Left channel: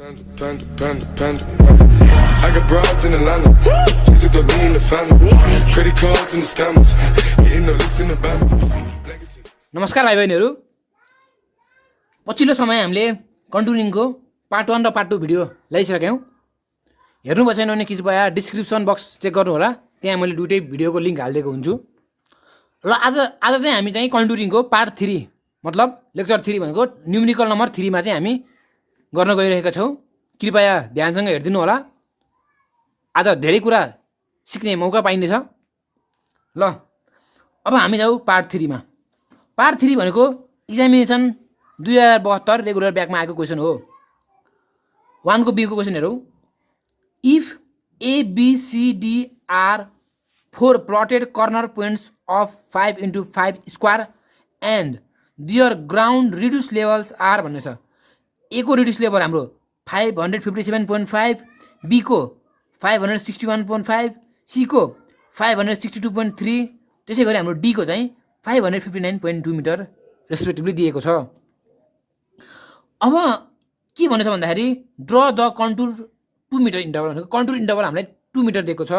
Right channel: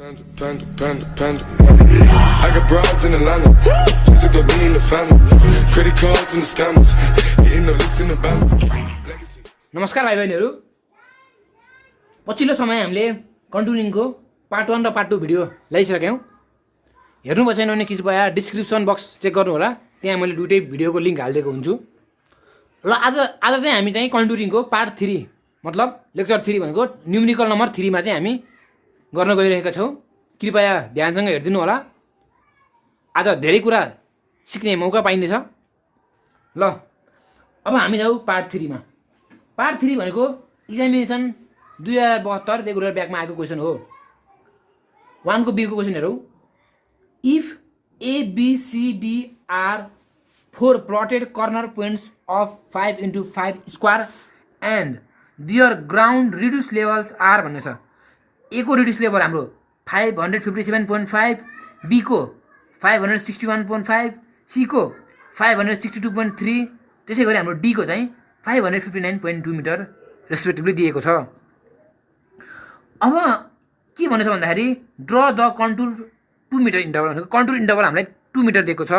Panda, panda, panda. I got broads in Atlanta. Just took the lean in the family. Credit cards and the scammers. Hitting the licks in the band. नमस्कार भाइ बहिनीहरू, पछिल्लो समय हामीले कन्टुरिङको part 1 र part 2 video ल्याइसक्यौँ। हेर्नु भएन भने कृपया डिस्क्रिप्सन बक्स चेक गर्नु होला, त्यहाँ मैले दुईटै भिडियोको लिङ्क हालिदिएको हुन्छु। ल आज चाहिँ हामी चाहिँ कन्टुरिङको पार्ट 3 मतलब लेक्चर 3 भनेको न्युमेरिकल नम्बर 3 मा चाहिँ हामी गर्न गइरहेका छौँ। कृपया ध्यानसँग हेरिदिनु होला, आज धेरै कुरा सिक्ने मौका पाइनेछ। ल अब हामी जाऊ पार्ट 3 मा। पार्ट 3 भनेको एक्जामिनेसन 2072 रेगुलर ब्याकमा आएको क्वेसन हो। 1 को बी को क्वेसन हेरौँ। If ABCD are 4 plotted corner points of 5 into 5 square and their ground reduce levels are भन्ने छ। ए को रिड्युस लेभल हाम्रो 557.5, बी को 561.5, सी को 562.3, त्यसै गरी हाम्रो डी को चाहिँ 559.2 मिटर रेस्पेक्टिभली दिएको छ। अब के भनेछ भन्दाखेरि draw the contour 2 metre interval भनेको कन्टुर इन्टरभल हामीलाई 2 मिटर दिएको छ।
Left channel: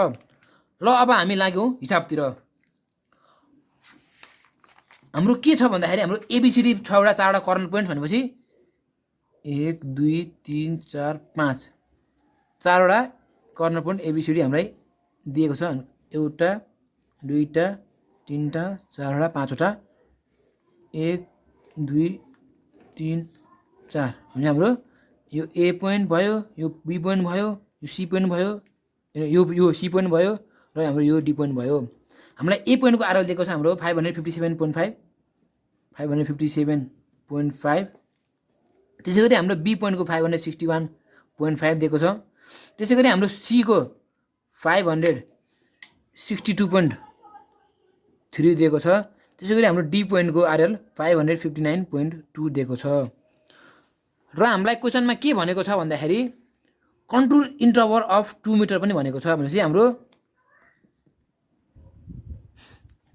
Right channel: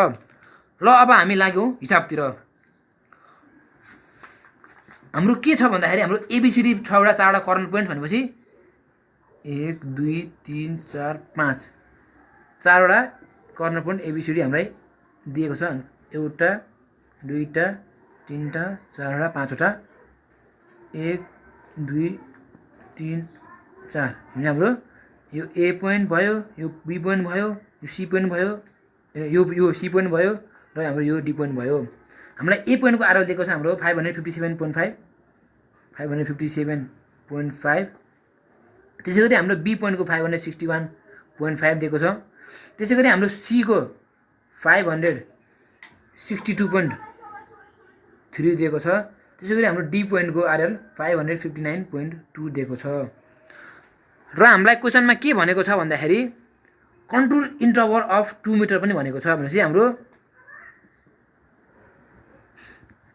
ल अब हामी लाग्यौँ हिसाबतिर। हाम्रो के छ भन्दाखेरि हाम्रो ABCD 6वटा 4वटा कर्नर पोइन्ट भनेपछि 1 2 3 4 5 4वटा कर्नर पोइन्ट ABCD हामीलाई दिएको छ। एउटा दुईटा तीनटा चारवटा पाँचवटा 1 2 3 4 भने हाम्रो यो A पोइन्ट भयो, यो B पोइन्ट भयो, यो C पोइन्ट भयो, यो C पोइन्ट भयो र हाम्रो यो D पोइन्ट भयो। हामीलाई A पोइन्टको आरएल दिएको छ हाम्रो 557.5 557.5। त्यसै गरी हाम्रो B पोइन्टको 561.5 दिएको छ। त्यसै गरी हाम्रो C को 562.3 दिएको छ। त्यसै गरी हाम्रो D पोइन्टको आरएल 559.2 दिएको छ। र हामीलाई क्वेसनमा के भनेको छ भन्दाखेरि कन्टुर इन्टरभल अफ 2 मिटर पनि भनेको छ। भनेपछि हाम्रो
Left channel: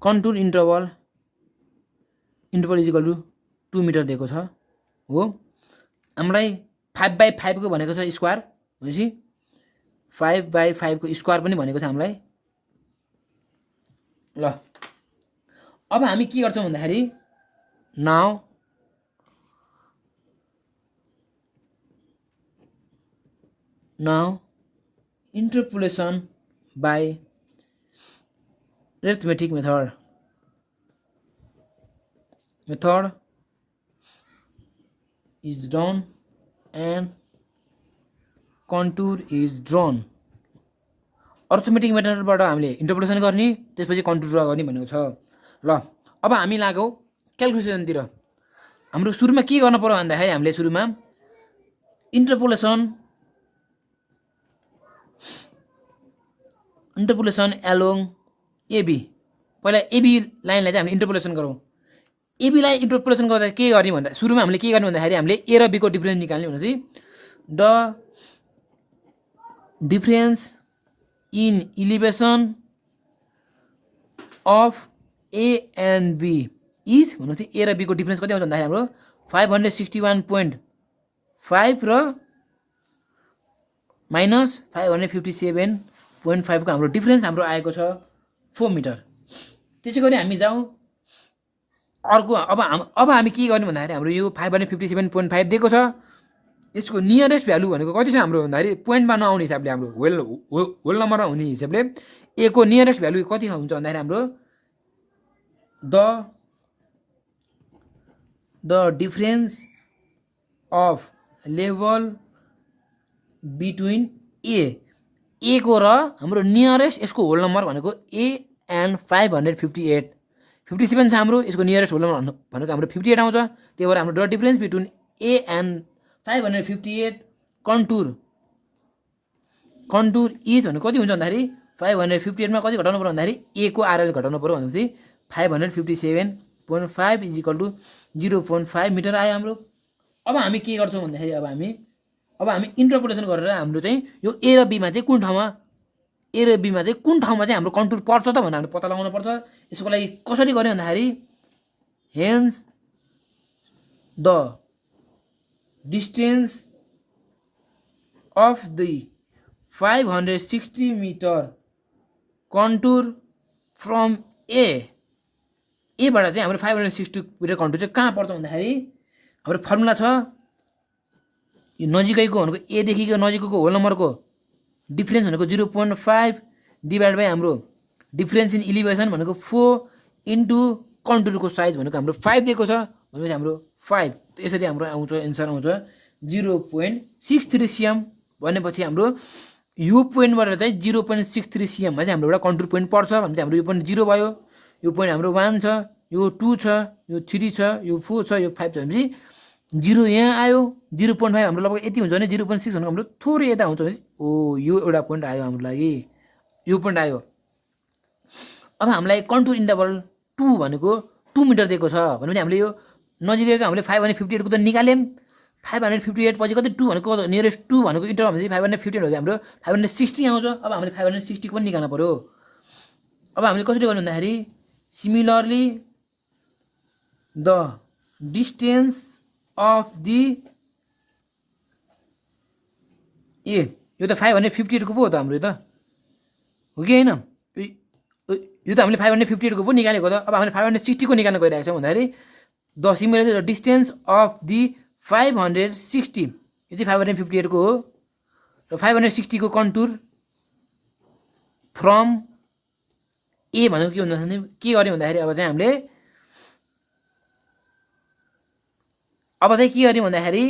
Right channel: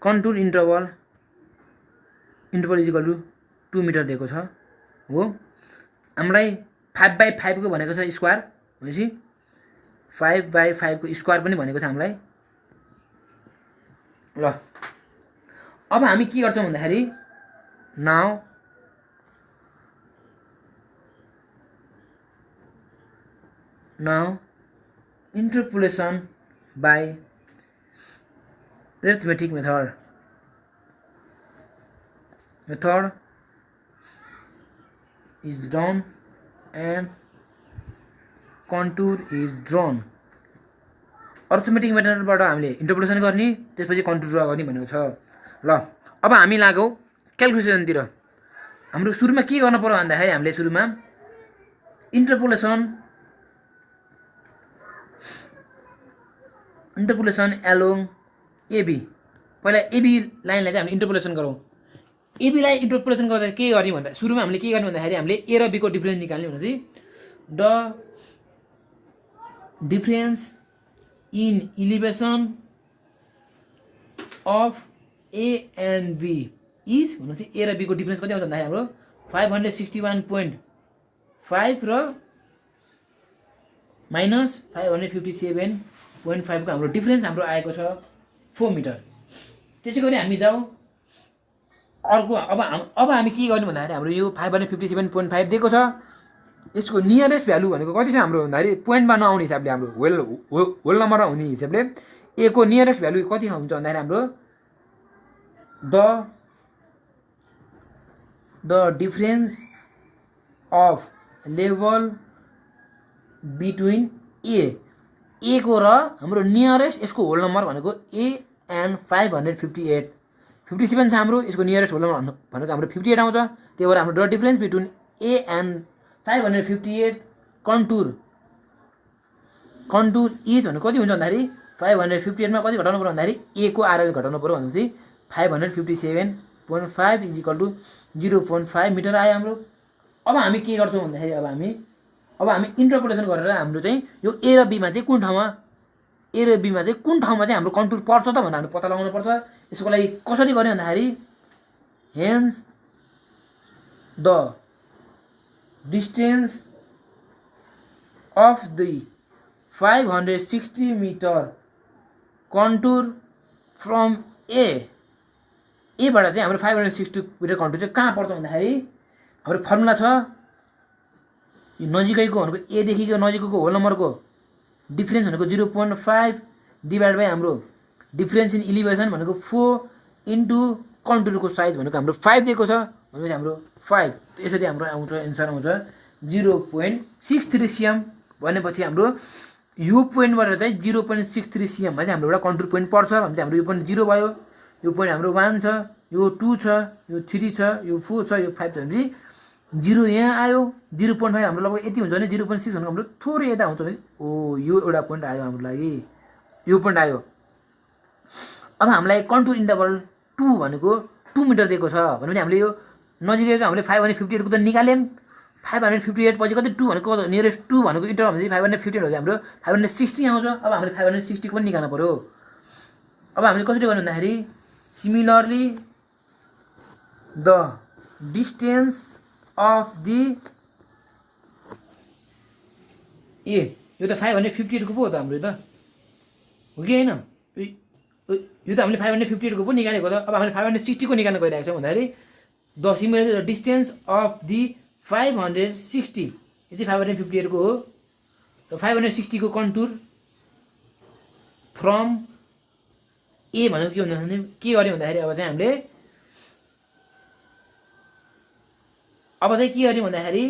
contour interval is equal to 2 metre दिएको छ हो। हामीलाई 5/5 को भनेको छ स्क्वायर, भनेपछि 5/5 को स्क्वायर पनि भनेको छ हामीलाई। ल अब हामी के गर्छौँ भन्दाखेरि now interpolation by arithmetic method is done and contour is drawn। Arithmetic मेथडबाट हामीले इन्टरपोलेसन गर्ने, त्यसपछि कन्टुर ड्रा गर्ने भनेको छ। ल अब हामी लागौँ क्यालकुलेसनतिर। हाम्रो सुरुमा के गर्नु पर्यो भन्दाखेरि हामीले सुरुमा इन्टरपोलेसन एलोङ AB, पहिला AB लाइनलाई चाहिँ हामीले इन्टरपोलेसन गरौँ। AB लाई इन्टरपोलेसन गर्दा के गर्ने भन्दा सुरुमा हामीले के गर्ने भन्दाखेरि हामीले A र B को डिफरेन्स निकाल्ने भनेपछि the difference in elevation of A and B is भनेपछि A र B को डिफरेन्स कति आउँछ भन्दाखेरि हाम्रो 561.5 र माइनस 557.5 को हाम्रो डिफरेन्स हाम्रो आएको छ 4 मिटर। त्यसै गरी हामी जाउँ अर्को। अब हामी के गर्ने भन्दाखेरि हाम्रो यो 557.5 दिएको छ। यसको नियरेस्ट भ्यालु भनेको कति छ हाम्रो भन्दाखेरि पोइन्टमा नआउने हिसाबले हाम्रो होल नम्बरमा हुने हिसाबले A को नियरेस्ट भ्यालु कति हुन्छ भन्दाखेरि हाम्रो the difference of level between A को र हाम्रो नियरेस्ट यसको होल नम्बर भनेको A एन्ड 557 छ हाम्रो। यसको नियरेस्ट होल नम्बर भनेको हाम्रो 58 आउँछ। त्यही भएर हाम्रो the difference between A and 558 contour is भनेको कति हुन्छ भन्दाखेरि 558 मा कति घटाउनु पर्यो भन्दाखेरि A को आरएल घटाउनु पर्यो भनेपछि 557.5 इज इक्वल टु 0.5 मिटर आयो हाम्रो। अब हामी के गर्छौँ भन्दाखेरि अब हामी इन्टरपोलेसन गरेर हाम्रो चाहिँ यो A र B मा चाहिँ कुन ठाउँमा चाहिँ हाम्रो कन्टुर पर्छ त भनेर हामीले पत्ता लगाउनु पर्छ। यसको लागि कसरी गर्ने भन्दाखेरि hence the distance of the 560 metre contour from एबाट चाहिँ हाम्रो 560 मिटर कन्टुर चाहिँ कहाँ पर्छ भन्दाखेरि हाम्रो फर्मुला छ यो नजिकैको भनेको एदेखिको नजिकैको होल नम्बरको डिफ्रेन्स भनेको 0.5 डिभाइड बाई हाम्रो डिफ्रेन्स इन इलिभेसन भनेको 4 इन्टु कन्टुरको साइज भनेको हाम्रो 5 दिएको छ भनेपछि हाम्रो 5 यसरी हाम्रो आउँछ एन्सर आउँछ 0.63 cm भनेपछि हाम्रो यो पोइन्टबाट चाहिँ 0.63 cm मा चाहिँ हाम्रो एउटा कन्टुर पोइन्ट पर्छ भनेपछि हाम्रो यो पोइन्ट 0 भयो यो पोइन्ट हाम्रो 1 छ यो 2 छ यो 3 छ यो 4 छ यो 5 छ भनेपछि 0 यहाँ आयो 0.5 हाम्रो लगभग यति हुन्छ भने 0.6 भनेको हाम्रो थोरै यता हुन्छ भने ओ यो एउटा पोइन्ट आयो हाम्रो लागि यो पोइन्ट आयो अब हामीलाई कन्टुर इन्टरभल 2 भनेको 2 मिटर दिएको छ भनेपछि हामीले यो नजिकैको हामीले 558 को त निकाल्यौँ 558 पछि कति 2 भनेको नियरेस्ट 2 भनेको इन्टरभल भनेपछि 558 हो हाम्रो 560 आउँछ अब हामीले 560 को पनि निकाल्नु पर्यो अब हामीले कसरी गर्नु भन्दाखेरि similarly the distance of the यो त 558 को पो हो त हाम्रो त हो कि हैन यो त हामीले 558 को पो निकालेको त अब हामीले 560 को निकाल्न गइरहेको छौँ भन्दाखेरि the similarly the distance of the 560 यो चाहिँ 558 को हो र 560 को कन्टुर फ्रम ए भनेको के भन्दाखेरि के गर्यो भन्दाखेरि अब चाहिँ हामीले के गर्यो भन्दाखेरि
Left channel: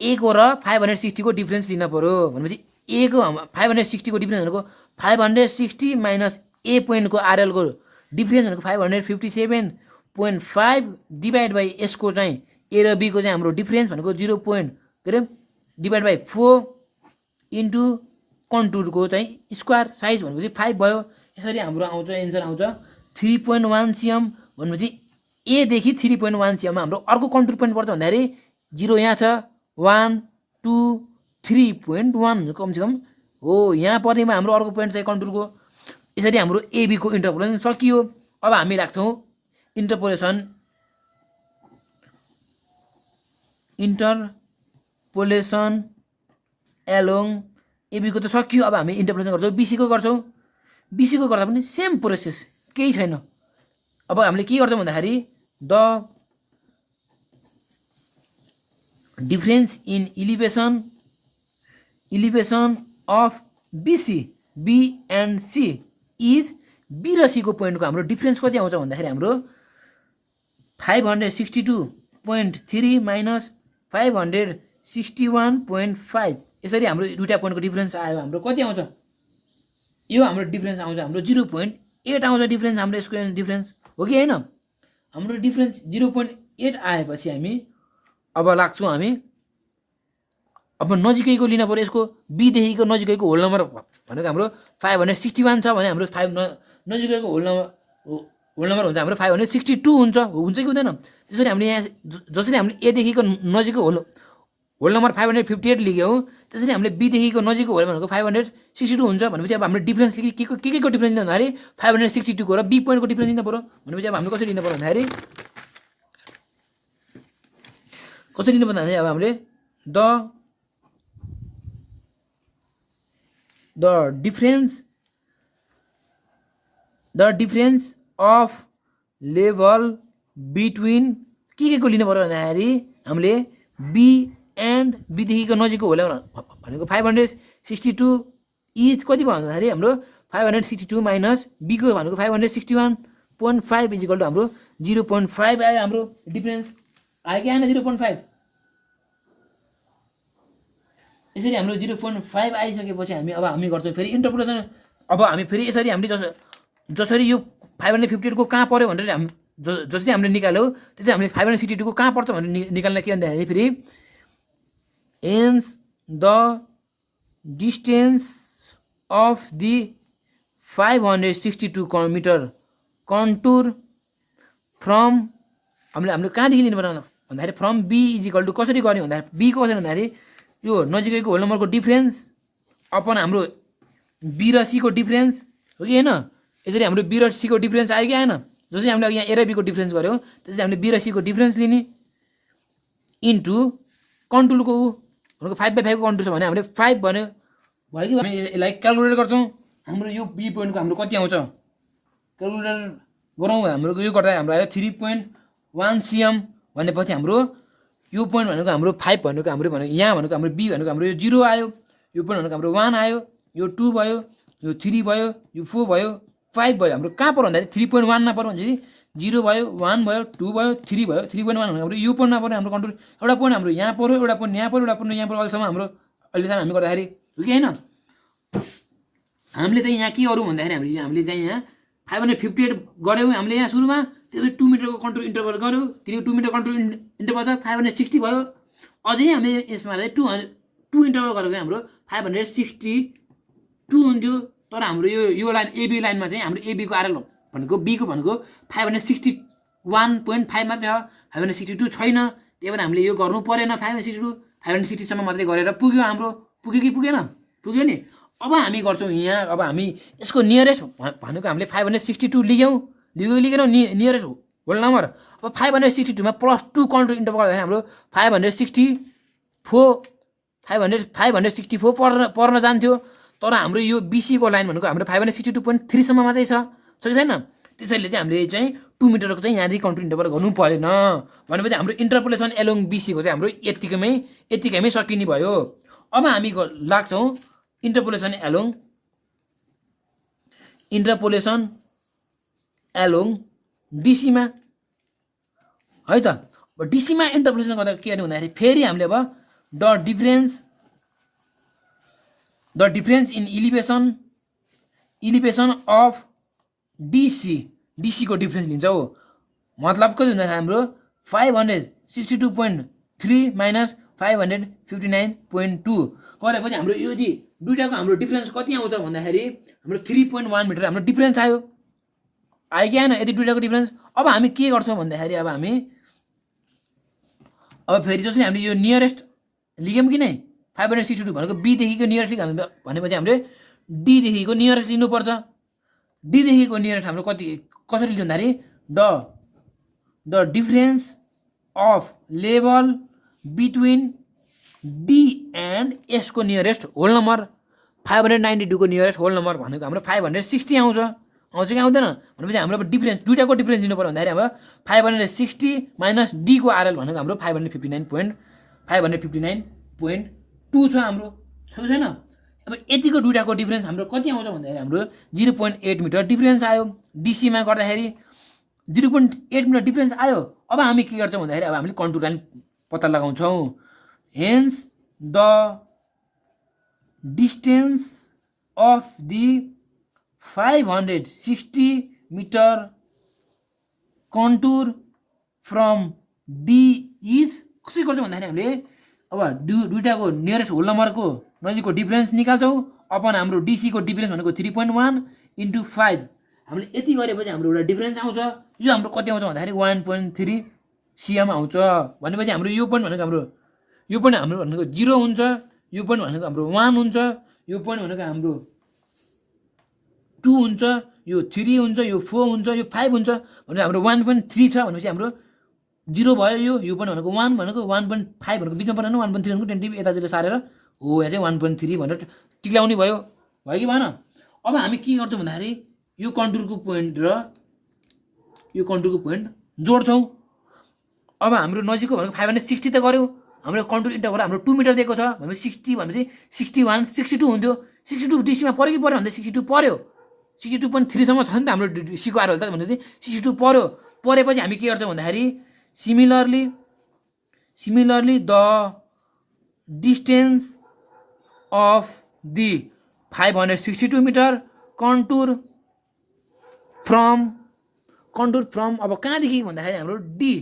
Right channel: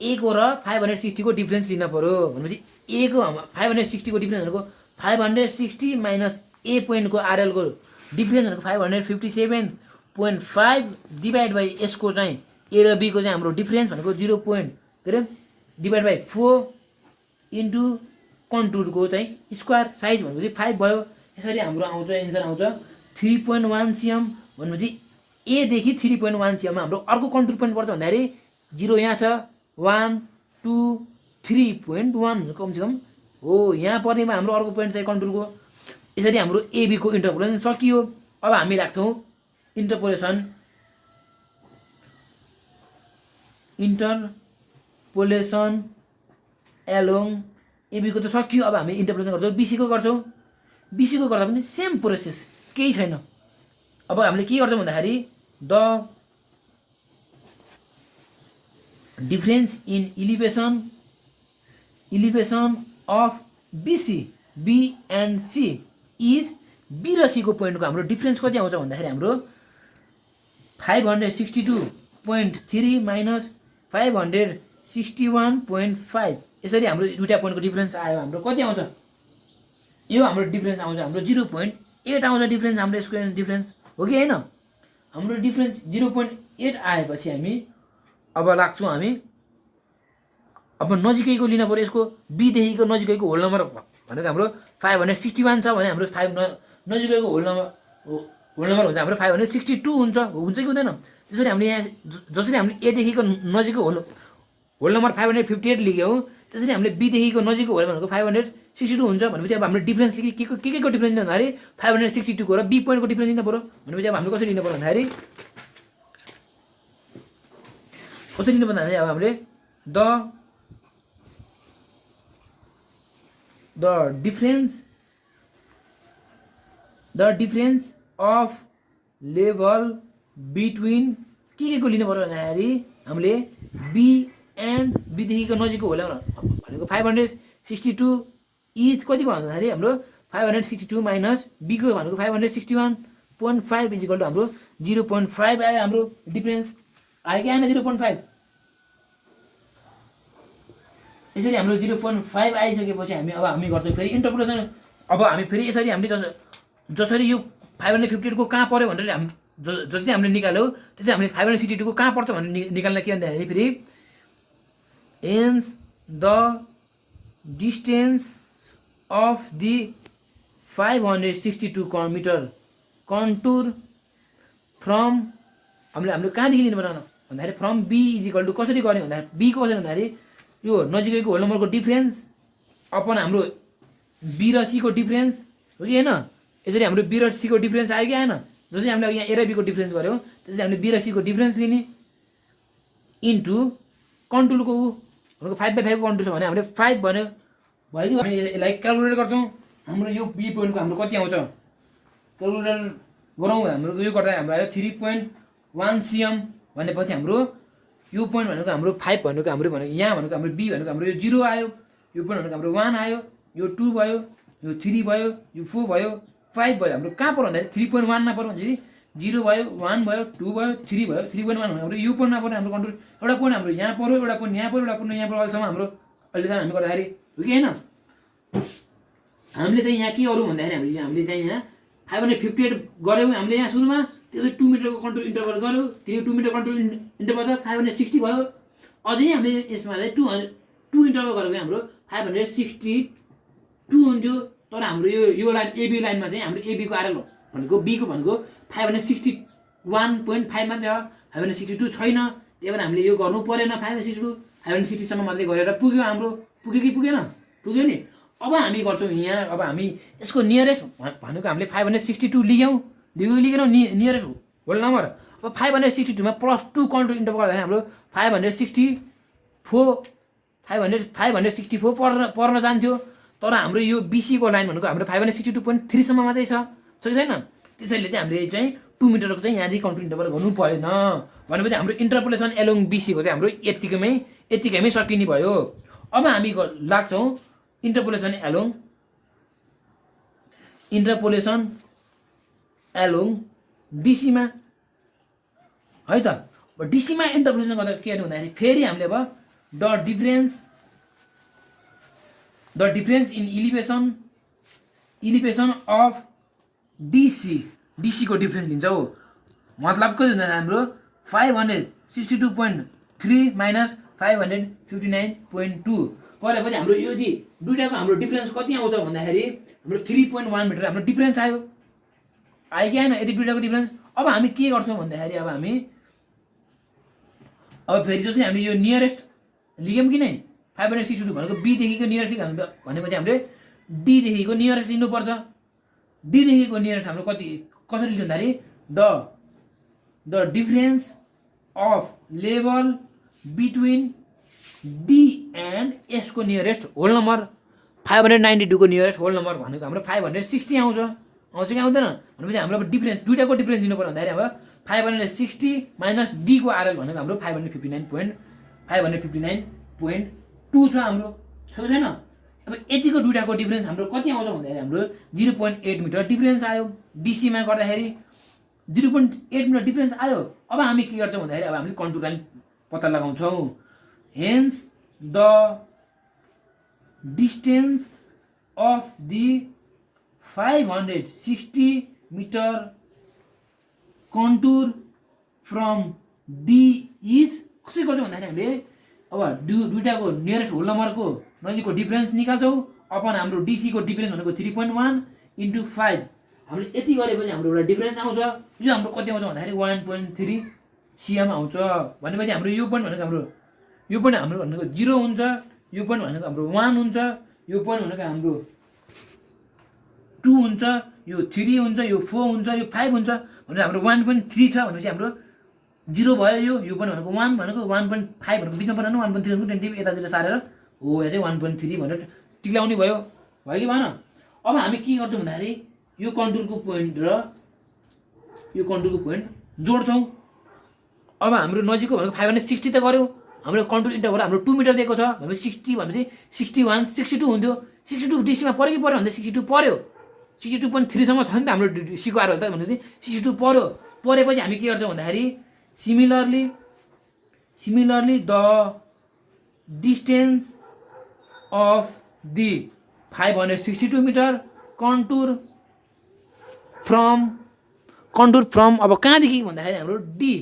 ए को र 560 को डिफ्रेन्स लिन पर्यो भनेपछि ए को 560 को डिफ्रेन्स भनेको 560 माइनस ए पोइन्ट को आरएल को डिफ्रेन्स भनेको 557.5 डिभाइड बाई एस को चाहिँ ए र बी को चाहिँ हाम्रो डिफ्रेन्स भनेको 0. के अरे डिभाइड बाई 4 इन्टु कन्टुरको चाहिँ स्क्वायर साइज भनेपछि 5 भयो यसरी हाम्रो आउँछ एन्सर आउँछ 3.1 cm भनेपछि ए देखि 3.1 cm मा हाम्रो अर्को कन्टुर पोइन्ट पर्छ भन्दाखेरि 0 यहाँ छ 1 2 3.1 कमसेकम हो यहाँ पर्नेमा हाम्रो अर्को पोइन्ट चाहिँ कन्टुरको यसरी हाम्रो एबी को इन्टरपोलेसन सकियो अब हामी राख्छौँ इन्टरपोलेसन एलोङ एबी को त सकियो अब हामी इन्टरपोलेसन गर्छौँ बीसी को गर्छौँ बीसी को गर्दा पनि सेम प्रोसेस केही छैन अब हामीले के गर्छौँ भन्दाखेरि the difference in elevation of BC B and C is B र सी को पोइन्टको हाम्रो डिफरेन्स कति आउँछ भन्दाखेरि हाम्रो 562.3 माइनस 561.5 यसरी हाम्रो दुईटा पोइन्टको डिफरेन्स आयो हाम्रो कति आउँछ यो हाम्रो डिफरेन्स आउँछ हाम्रो 0.8 आउँछ डिफरेन्स हाम्रो यसको डिफरेन्स हो कि हैन हाम्रो डिफरेन्स 0.8 आएपछि हामी अब लाग्छौँ हामी अब नजिकैको लिन पर्यो यसको बी देखिको नजिकैको होल नम्बर भनेको हाम्रो 561 छ भने हाम्रो 5 नजिकैको होल नम्बर हुन्छ हाम्रो 562 हुन्छ कि हुँदैन त्यसरी हामीले यहाँ जसरी हामीले ए देखिको नजिकको होल नम्बर 558 लेख्यौँ त्यसरी हामीले बी देखिको नजिकको होल भनेको 562 हुन्छ भनेपछि अब हाम्रो डिफरेन्स के को डिफरेन्स लिनु भन्दाखेरि 562 को र बी पोइन्टको डिफरेन्स लिनु पर्यो भनेपछि अब हामीले कसरी लिनु पर्यो भन्दाखेरि अब हामीले the difference of level between के को लिनु पर्यो भन्दाखेरि हामीले बी एन्ड बी देखिको नजिकको होला भनेको 562 इज कति भयो भन्दाखेरि हाम्रो 562 माइनस बी को भनेको 561.5 इज इक्वल टु हाम्रो 0.5 आयो हाम्रो डिफरेन्स आयो कि आएन 0.5 यसरी हाम्रो 0.5 आइसकेपछि हामी गर्छौँ फेरि इन्टरपोलेसन अब हामी फेरि यसरी हामीले जसरी यो 558 को कहाँ पर्यो भनेर जसरी हामीले निकाल्यौँ त्यसरी हामीले 562 को कहाँ पर्छ भनेर निकाल्न के भन्दाखेरि फेरि hence the distance of the 562 meter contour from हामीले कहाँदेखि लिनु पर्यो भन्दाखेरि from B is equal to कसरी गर्ने भन्दाखेरि बी को कसरी भन्दाखेरि यो नजिकैको होल नम्बरको डिफरेन्स अपन हाम्रो बी र सी को डिफरेन्स हो कि हैन यसरी हाम्रो बी र सी को डिफरेन्स आयो कि आएन जसरी हामीले यहाँ ए र बी को डिफरेन्स गर्यौँ त्यसरी हामीले बी र सी को डिफरेन्स लिने इन्टु कन्टुरको भनेको 5/5 को कन्टुर छ भने हामीले 5 भन्यो भयो कि हामी यसलाई क्यालकुलेट गर्छौँ हाम्रो यो बी पोइन्टको हाम्रो कति आउँछ क्यालकुलेटर गरौँ हाम्रो यो गर्दा हाम्रो आयो 3.1 cm भनेपछि हाम्रो यो पोइन्ट भनेको हाम्रो 5 भनेको हाम्रो यहाँ भनेको हाम्रो बी भनेको हाम्रो यो 0 आयो यो पोइन्ट भनेको हाम्रो 1 आयो यो 2 भयो यो 3 भयो यो 4 भयो 5 भयो हाम्रो कहाँ पर्यो भन्दाखेरि 3.1 मा पर्यो भन्दाखेरि 0 भयो 1 भयो 2 भयो 3 भयो 3.1 भनेको हाम्रो यो पोइन्टमा पर्यो हाम्रो कन्ट्रोल एउटा पोइन्ट हाम्रो यहाँ पर्यो एउटा पोइन्ट यहाँ पर्यो एउटा पोइन्ट यहाँ पर्यो अहिलेसम्म हाम्रो अहिलेसम्म हामी गर्दाखेरि हो कि होइन हामीले चाहिँ यहाँ के गरौँ भन्दाखेरि हामीले चाहिँ यहाँ 558 गऱ्यौँ हामीले यहाँ सुरुमा त्यसपछि 2 मिटरको कन्ट्रोल इन्टरभल गऱ्यौँ किनकि 2 मिटर कन्ट्रोल इन्टरभल छ 560 भयो अझै हामीले यसमा चाहिँ 2 इन्टरभल गरेको हाम्रो 562 हुन्थ्यो तर हाम्रो यो लाइन एबी लाइनमा चाहिँ हाम्रो एबीको आरएल भनेको बीको भनेको 561.5 मात्रै हो 562 छैन त्यही भएर हामीले यो गर्नु परेन 562 560 सम्म मात्रै गरेर पुग्यो हाम्रो पुग्यो कि पुगेन पुग्यो नि अब हामी गर्छौँ यहाँ अब हामी यसको नियरेस्ट भनेको हामीले 562 लिगेनौँ नियरेस्ट होल नम्बर अब 562 मा +2 कन्ट्रोल इन्टरभल गर्दाखेरि हाम्रो 564 पर्न जान्थ्यो तर हाम्रो यो बीसीको लाइन भनेको हाम्रो 562.3 सम्म मात्रै छ कि छैन त्यसैले चाहिँ हामीले चाहिँ 2 मिटरको चाहिँ यहाँदेखि कन्ट्रोल इन्टरभल गर्नु परेन भनेपछि हाम्रो इन्टरपोलेसन एलोङ बीसीको चाहिँ हाम्रो यतिकैमै सकिने भयो अब हामी लाग्छौँ इन्टरपोलेसन एलोङ डीसीमा है त डीसीमा इन्टरपोलेसन गर्दा के गर्नु भन्दाखेरि फेरि हामीले अब the difference in elevation of DC को डिफरेन्स लिन्छौ मतलब के हुन्छ हाम्रो 562.3 माइनस 559.2 गरेपछि हाम्रो यो जी दुईटाको हाम्रो डिफरेन्स कति आउँछ भन्दाखेरि हाम्रो 3.1 मिटर हाम्रो डिफरेन्स आयो कि आएन यति दुईटाको डिफरेन्स अब हामी के गर्छौँ भन्दाखेरि अब फेरि जस्तै हामीले यो नियरेस्ट लिग्यौँ कि नै 562 भनेको बीदेखिको नियरेस्ट लिग्यौँ भनेपछि हामीले डीदेखिको नियरेस्ट लिनुपर्छ डीदेखिको नियरेस्ट हाम्रो कसरी लिनु भन्दाखेरि the difference of level between D and एसको नियरेस्ट होल नम्बर 592 को नियरेस्ट होल नम्बर भनेको हाम्रो 560 आउँछ कि आउँदैन भनेपछि हाम्रो डिफरेन्स दुईटाको डिफरेन्स दिनु पर्यो भन्दाखेरि अब 560 माइनस डी को आरएल भनेको हाम्रो 559.2 छ हाम्रो छ कि छैन अब यतिको दुईटाको डिफरेन्स हाम्रो कति आउँछ भन्दाखेरि हाम्रो 0.8 मिटर डिफरेन्स आयो डीसीमा गर्दाखेरि 0.8 मिटर डिफरेन्स आयो अब हामी के गर्छौँ भन्दाखेरि अब हामीले कन्टुर लाइन पत्ता लगाउँछौँ hence the distance of the 560 metre contour from D is कसरी गर्छौँ भन्दाखेरि हामीले अब दुईटाको नियरेस्ट होल नम्बरको नजिकको डिफरेन्स निकाल्छौँ अपन हाम्रो डीसीको डिफरेन्स भनेको 3.1 × 5 हामीले यति गरेपछि हाम्रो एउटा डिफरेन्स आउँछ यो हाम्रो कति आउँछ भन्दाखेरि 1.3 cm आउँछ भनेपछि हाम्रो यो पोइन्ट भनेको हाम्रो 0 हुन्छ यो पोइन्ट भनेको हाम्रो 1 हुन्छ यो पोइन्ट भनेको हाम्रो 2 हुन्छ यो 3 हुन्छ यो 4 हुन्छ यो 5 हुन्छ भने हाम्रो 1.3 छ भनेपछि हाम्रो 0 भयो यो पोइन्ट भनेको 1 भनेको 1.5 भनेको बिचमा परेन 1.3 भनेको टेन्टिभ यतातिर सारेर हो यहाँ चाहिँ 1.3 भनेर टिक्लाउने भयो कि भएन अब हामी के गर्छौँ भन्दाखेरि यो कन्टुरको पोइन्ट र यो कन्टुरको पोइन्ट जोड्छौँ अब हाम्रो नजिकको भनेको 560 त गऱ्यो हाम्रो कन्टुर इन्टरभल हाम्रो 2 मिटर दिएको छ भनेपछि 60 भनेपछि 61 62 हुन्थ्यो 62 डीसीमा पर्यो कि पर्यो भन्दा 62 पर्यो 62.3 सम्म छ नि त हाम्रो डीसीको आरएल त भनेपछि 62 परेपछि हामी के गर्छौँ भन्दाखेरि similarly the distance of the 562 metre contour from अब कहाँदेखि भन्दाखेरि हाम्रो डी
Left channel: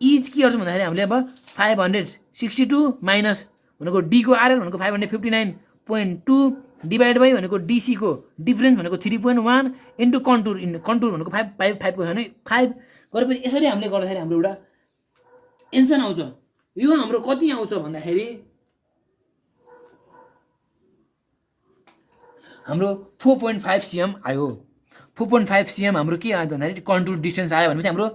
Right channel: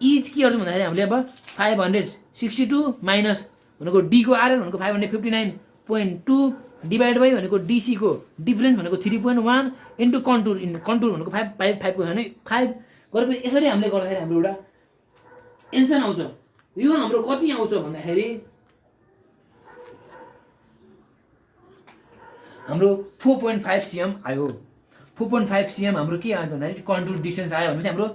इज के गर्छौँ भन्दाखेरि हामीले अब 562 माइनस भनेको डी को आरएल भनेको 559.2 डिभाइड बाई भनेको डीसी को डिफरेन्स भनेको 3.1 इन्टु कन्टुर भनेको 5 को छैन 5 गरेपछि यसरी हामीले गर्दाखेरि हाम्रो एउटा एन्सर आउँछ यो हाम्रो कति आउँछ भन्दाखेरि हाम्रो 4.5 cm आयो 4.5 cm हाम्रो के आयो भन्दाखेरि कन्टुर डिस्टेन्स आयो भनेपछि हाम्रो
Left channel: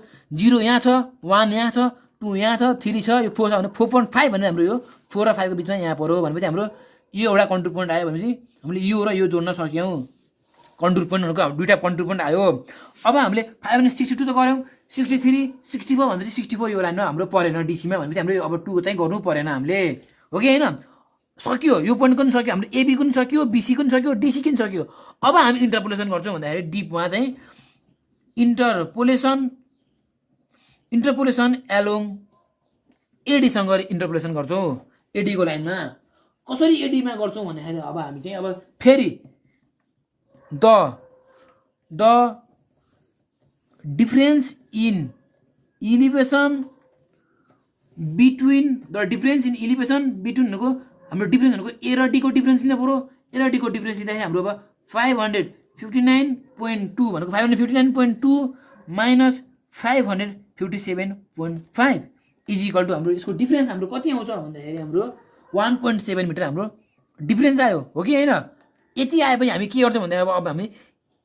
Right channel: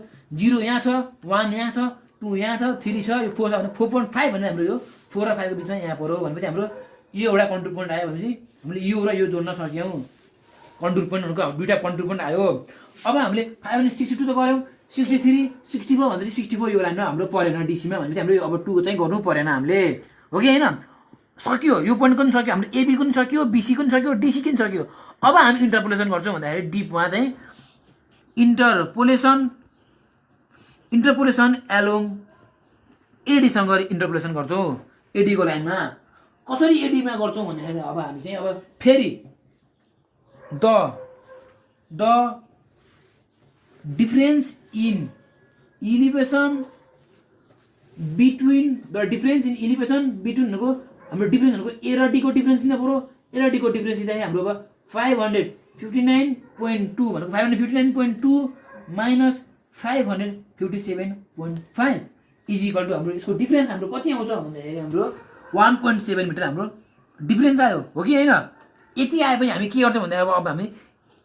0 यहाँ छ 1 यहाँ छ 2 यहाँ छ 3 छ यो 4 छ भने 4.5 भने हाम्रो यो 4 र 5 को बिचमा यहाँ पऱ्यो भनेपछि हाम्रो यो एउटा कन्टुर पोइन्ट आयो भनेपछि हामीले यो र यो जोड्न सक्यौँ कन्टुर पोइन्टहरूको दुईवटा कन्टुर पोइन्ट आयो अब हामीले 562 त गऱ्यौँ 63 64 भनेपछि 64 यो लाइनमा हाम्रो परेन डिसीमा भनेपछि हामीले अब 2 चाहिँ गर्नु परेन हामीले हो कि होइन सक्यो यो पोइन्टको पनि सक्यो हाम्रो एबीको पनि सक्यो बीसीको पनि सक्यो डीसीको पनि सक्यो अब हामी इन्टरपोलेसन गर्छौँ भन्दाखेरि डिपमा चाहिँ इन्टरपोलेसन एलोङ एडीसँग इन्टरपोलेसन गर्छौँ एडीको लाइनमा कसरी एडीमा गर्छौँ भन्दाखेरि अब हामी चाहिँ अब फेरि the difference in elevation between भनेको हाम्रो डिफरेन्स भनेको ए र डीको डिफरेन्स लिनु पऱ्यो ए र डीको डिफरेन्स लिँदाखेरि हाम्रो अब 559.2 भनेको 559.2 माइनस 557.5 इज इक्वल टु हाम्रो यसको डिफरेन्स हाम्रो कति आउँछ भन्दाखेरि हाम्रो 1.7 मिटर हाम्रो डिफरेन्स आयो हो कि होइन यति आएपछि हामी के गर्छौँ भन्दाखेरि अब हामी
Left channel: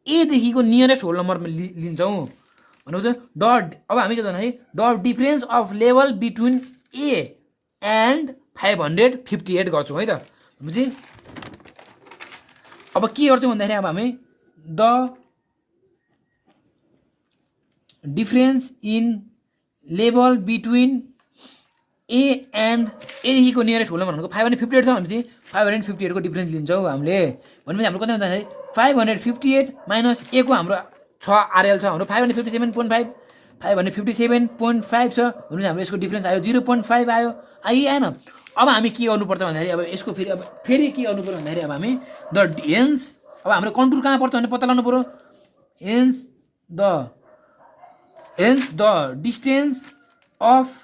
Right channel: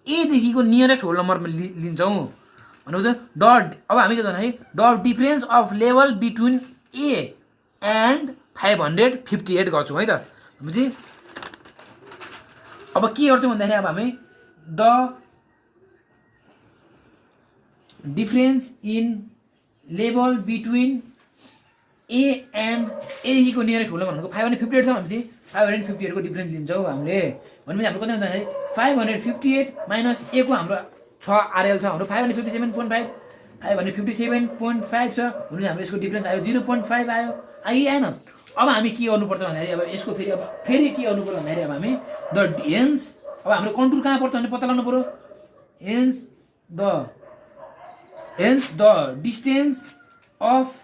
एदेखिको नियरेस्ट होल नम्बरमा लिन्छौँ भनेको चाहिँ डट अब हामी के भन्दाखेरि dot difference of level between A and 558 गर्छौँ है त भनेपछि अब के गर्छौँ भन्दाखेरि अब हामी the difference in level between A and एदेखिको नियरेस्ट होल भनेको 558 छ भनेपछि 558 को डिफरेन्स लिन्छौँ हामीले भनेपछि हाम्रो कति भन्दाखेरि 558 माइनस ए को हाम्रो 6 आरएल छ हाम्रो 557.5 557.5 छ भनेपछि हाम्रो यसको डिफरेन्स आयो 0.5 आयो आएन अब हामी के गर्नुपर्छ भन्दाखेरि अब यसको फेरि के गर्नुपर्छ भन्दाखेरि अब हामी द हेन्स अब हाम्रो कन्टुर कहाँ पर्छ भने पत्ता लगाउनु पऱ्यो hence the distance of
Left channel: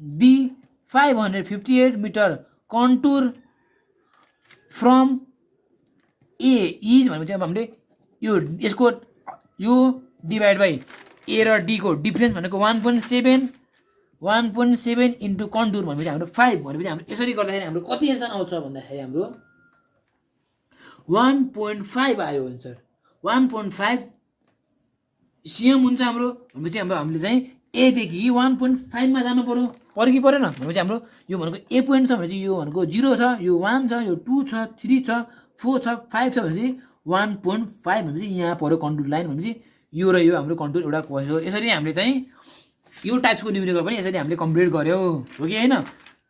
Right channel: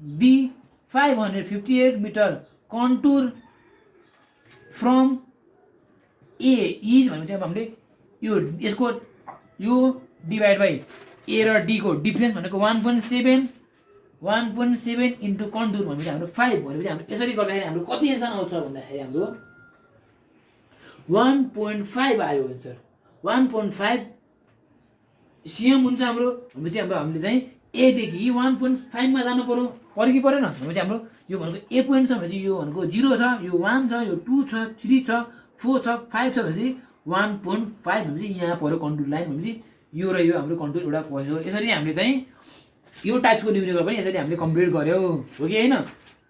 the 558 metre contour from A is भनेपछि अब हामीले यसको यो डिभाइड बाई ए र डी को डिफरेन्स भनेको 1.7 इन्टु कन्टुर भनेपछि हाम्रो 5 भनेपछि हाम्रो यसरी गर्दाखेरि हाम्रो कति एन्सर आउँछ भन्दाखेरि हाम्रो 1.5 आयो एन्सर 1.5 सिएम हुन्छ हाम्रो भनेपछि हामीले चाहिँ एदेखि 1.5 मा जानु पऱ्यो कि परेन भनेपछि हाम्रो यो भनेको ए पोइन्ट छ भनेपछि यो भनेको 0 छ यो 1 छ यो 2 छ 3 छ 4 छ 5 छ भनेपछि 1.5 भनेपछि यहाँ पऱ्यो कन्टुर लाइन भनेपछि यो र यो हाम्रो कन्टुर एउटा भयो यसरी हामीले चाहिँ यो टाइप्सको न्युमेरिकल पनि यसरी हामीले कम्प्लिट गर्यौँ हो कि होइन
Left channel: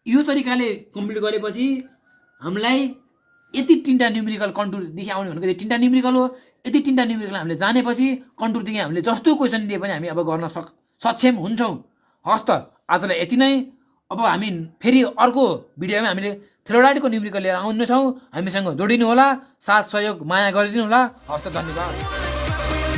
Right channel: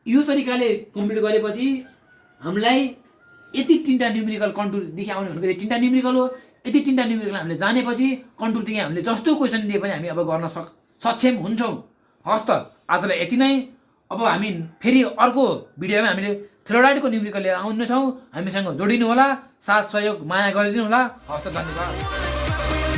यो तरिकाले कम्प्लिट गरेपछि हामीलाई यति तीनटा न्युमेरिकल कन्टुरदेखि आउने भनेको यति तीनटा न्युमेरिकल हो यति तीनटा न्युमेरिकल हामीले जानेपछि कन्टुरदेखि हामीले जस्तो क्वेसन दिए पनि हामी अब गर्न सक्षम हुन्छौँ हस् त आजलाई यति नै अब हामी फेरि अर्को भिडियोमा हामीले थ्योराइडको न्युमेरिकल लिएर आउनेछौँ हामीसँग जोडिनु होला साथ सहयोग माया गरिदिनु होला हस् त धन्यवाद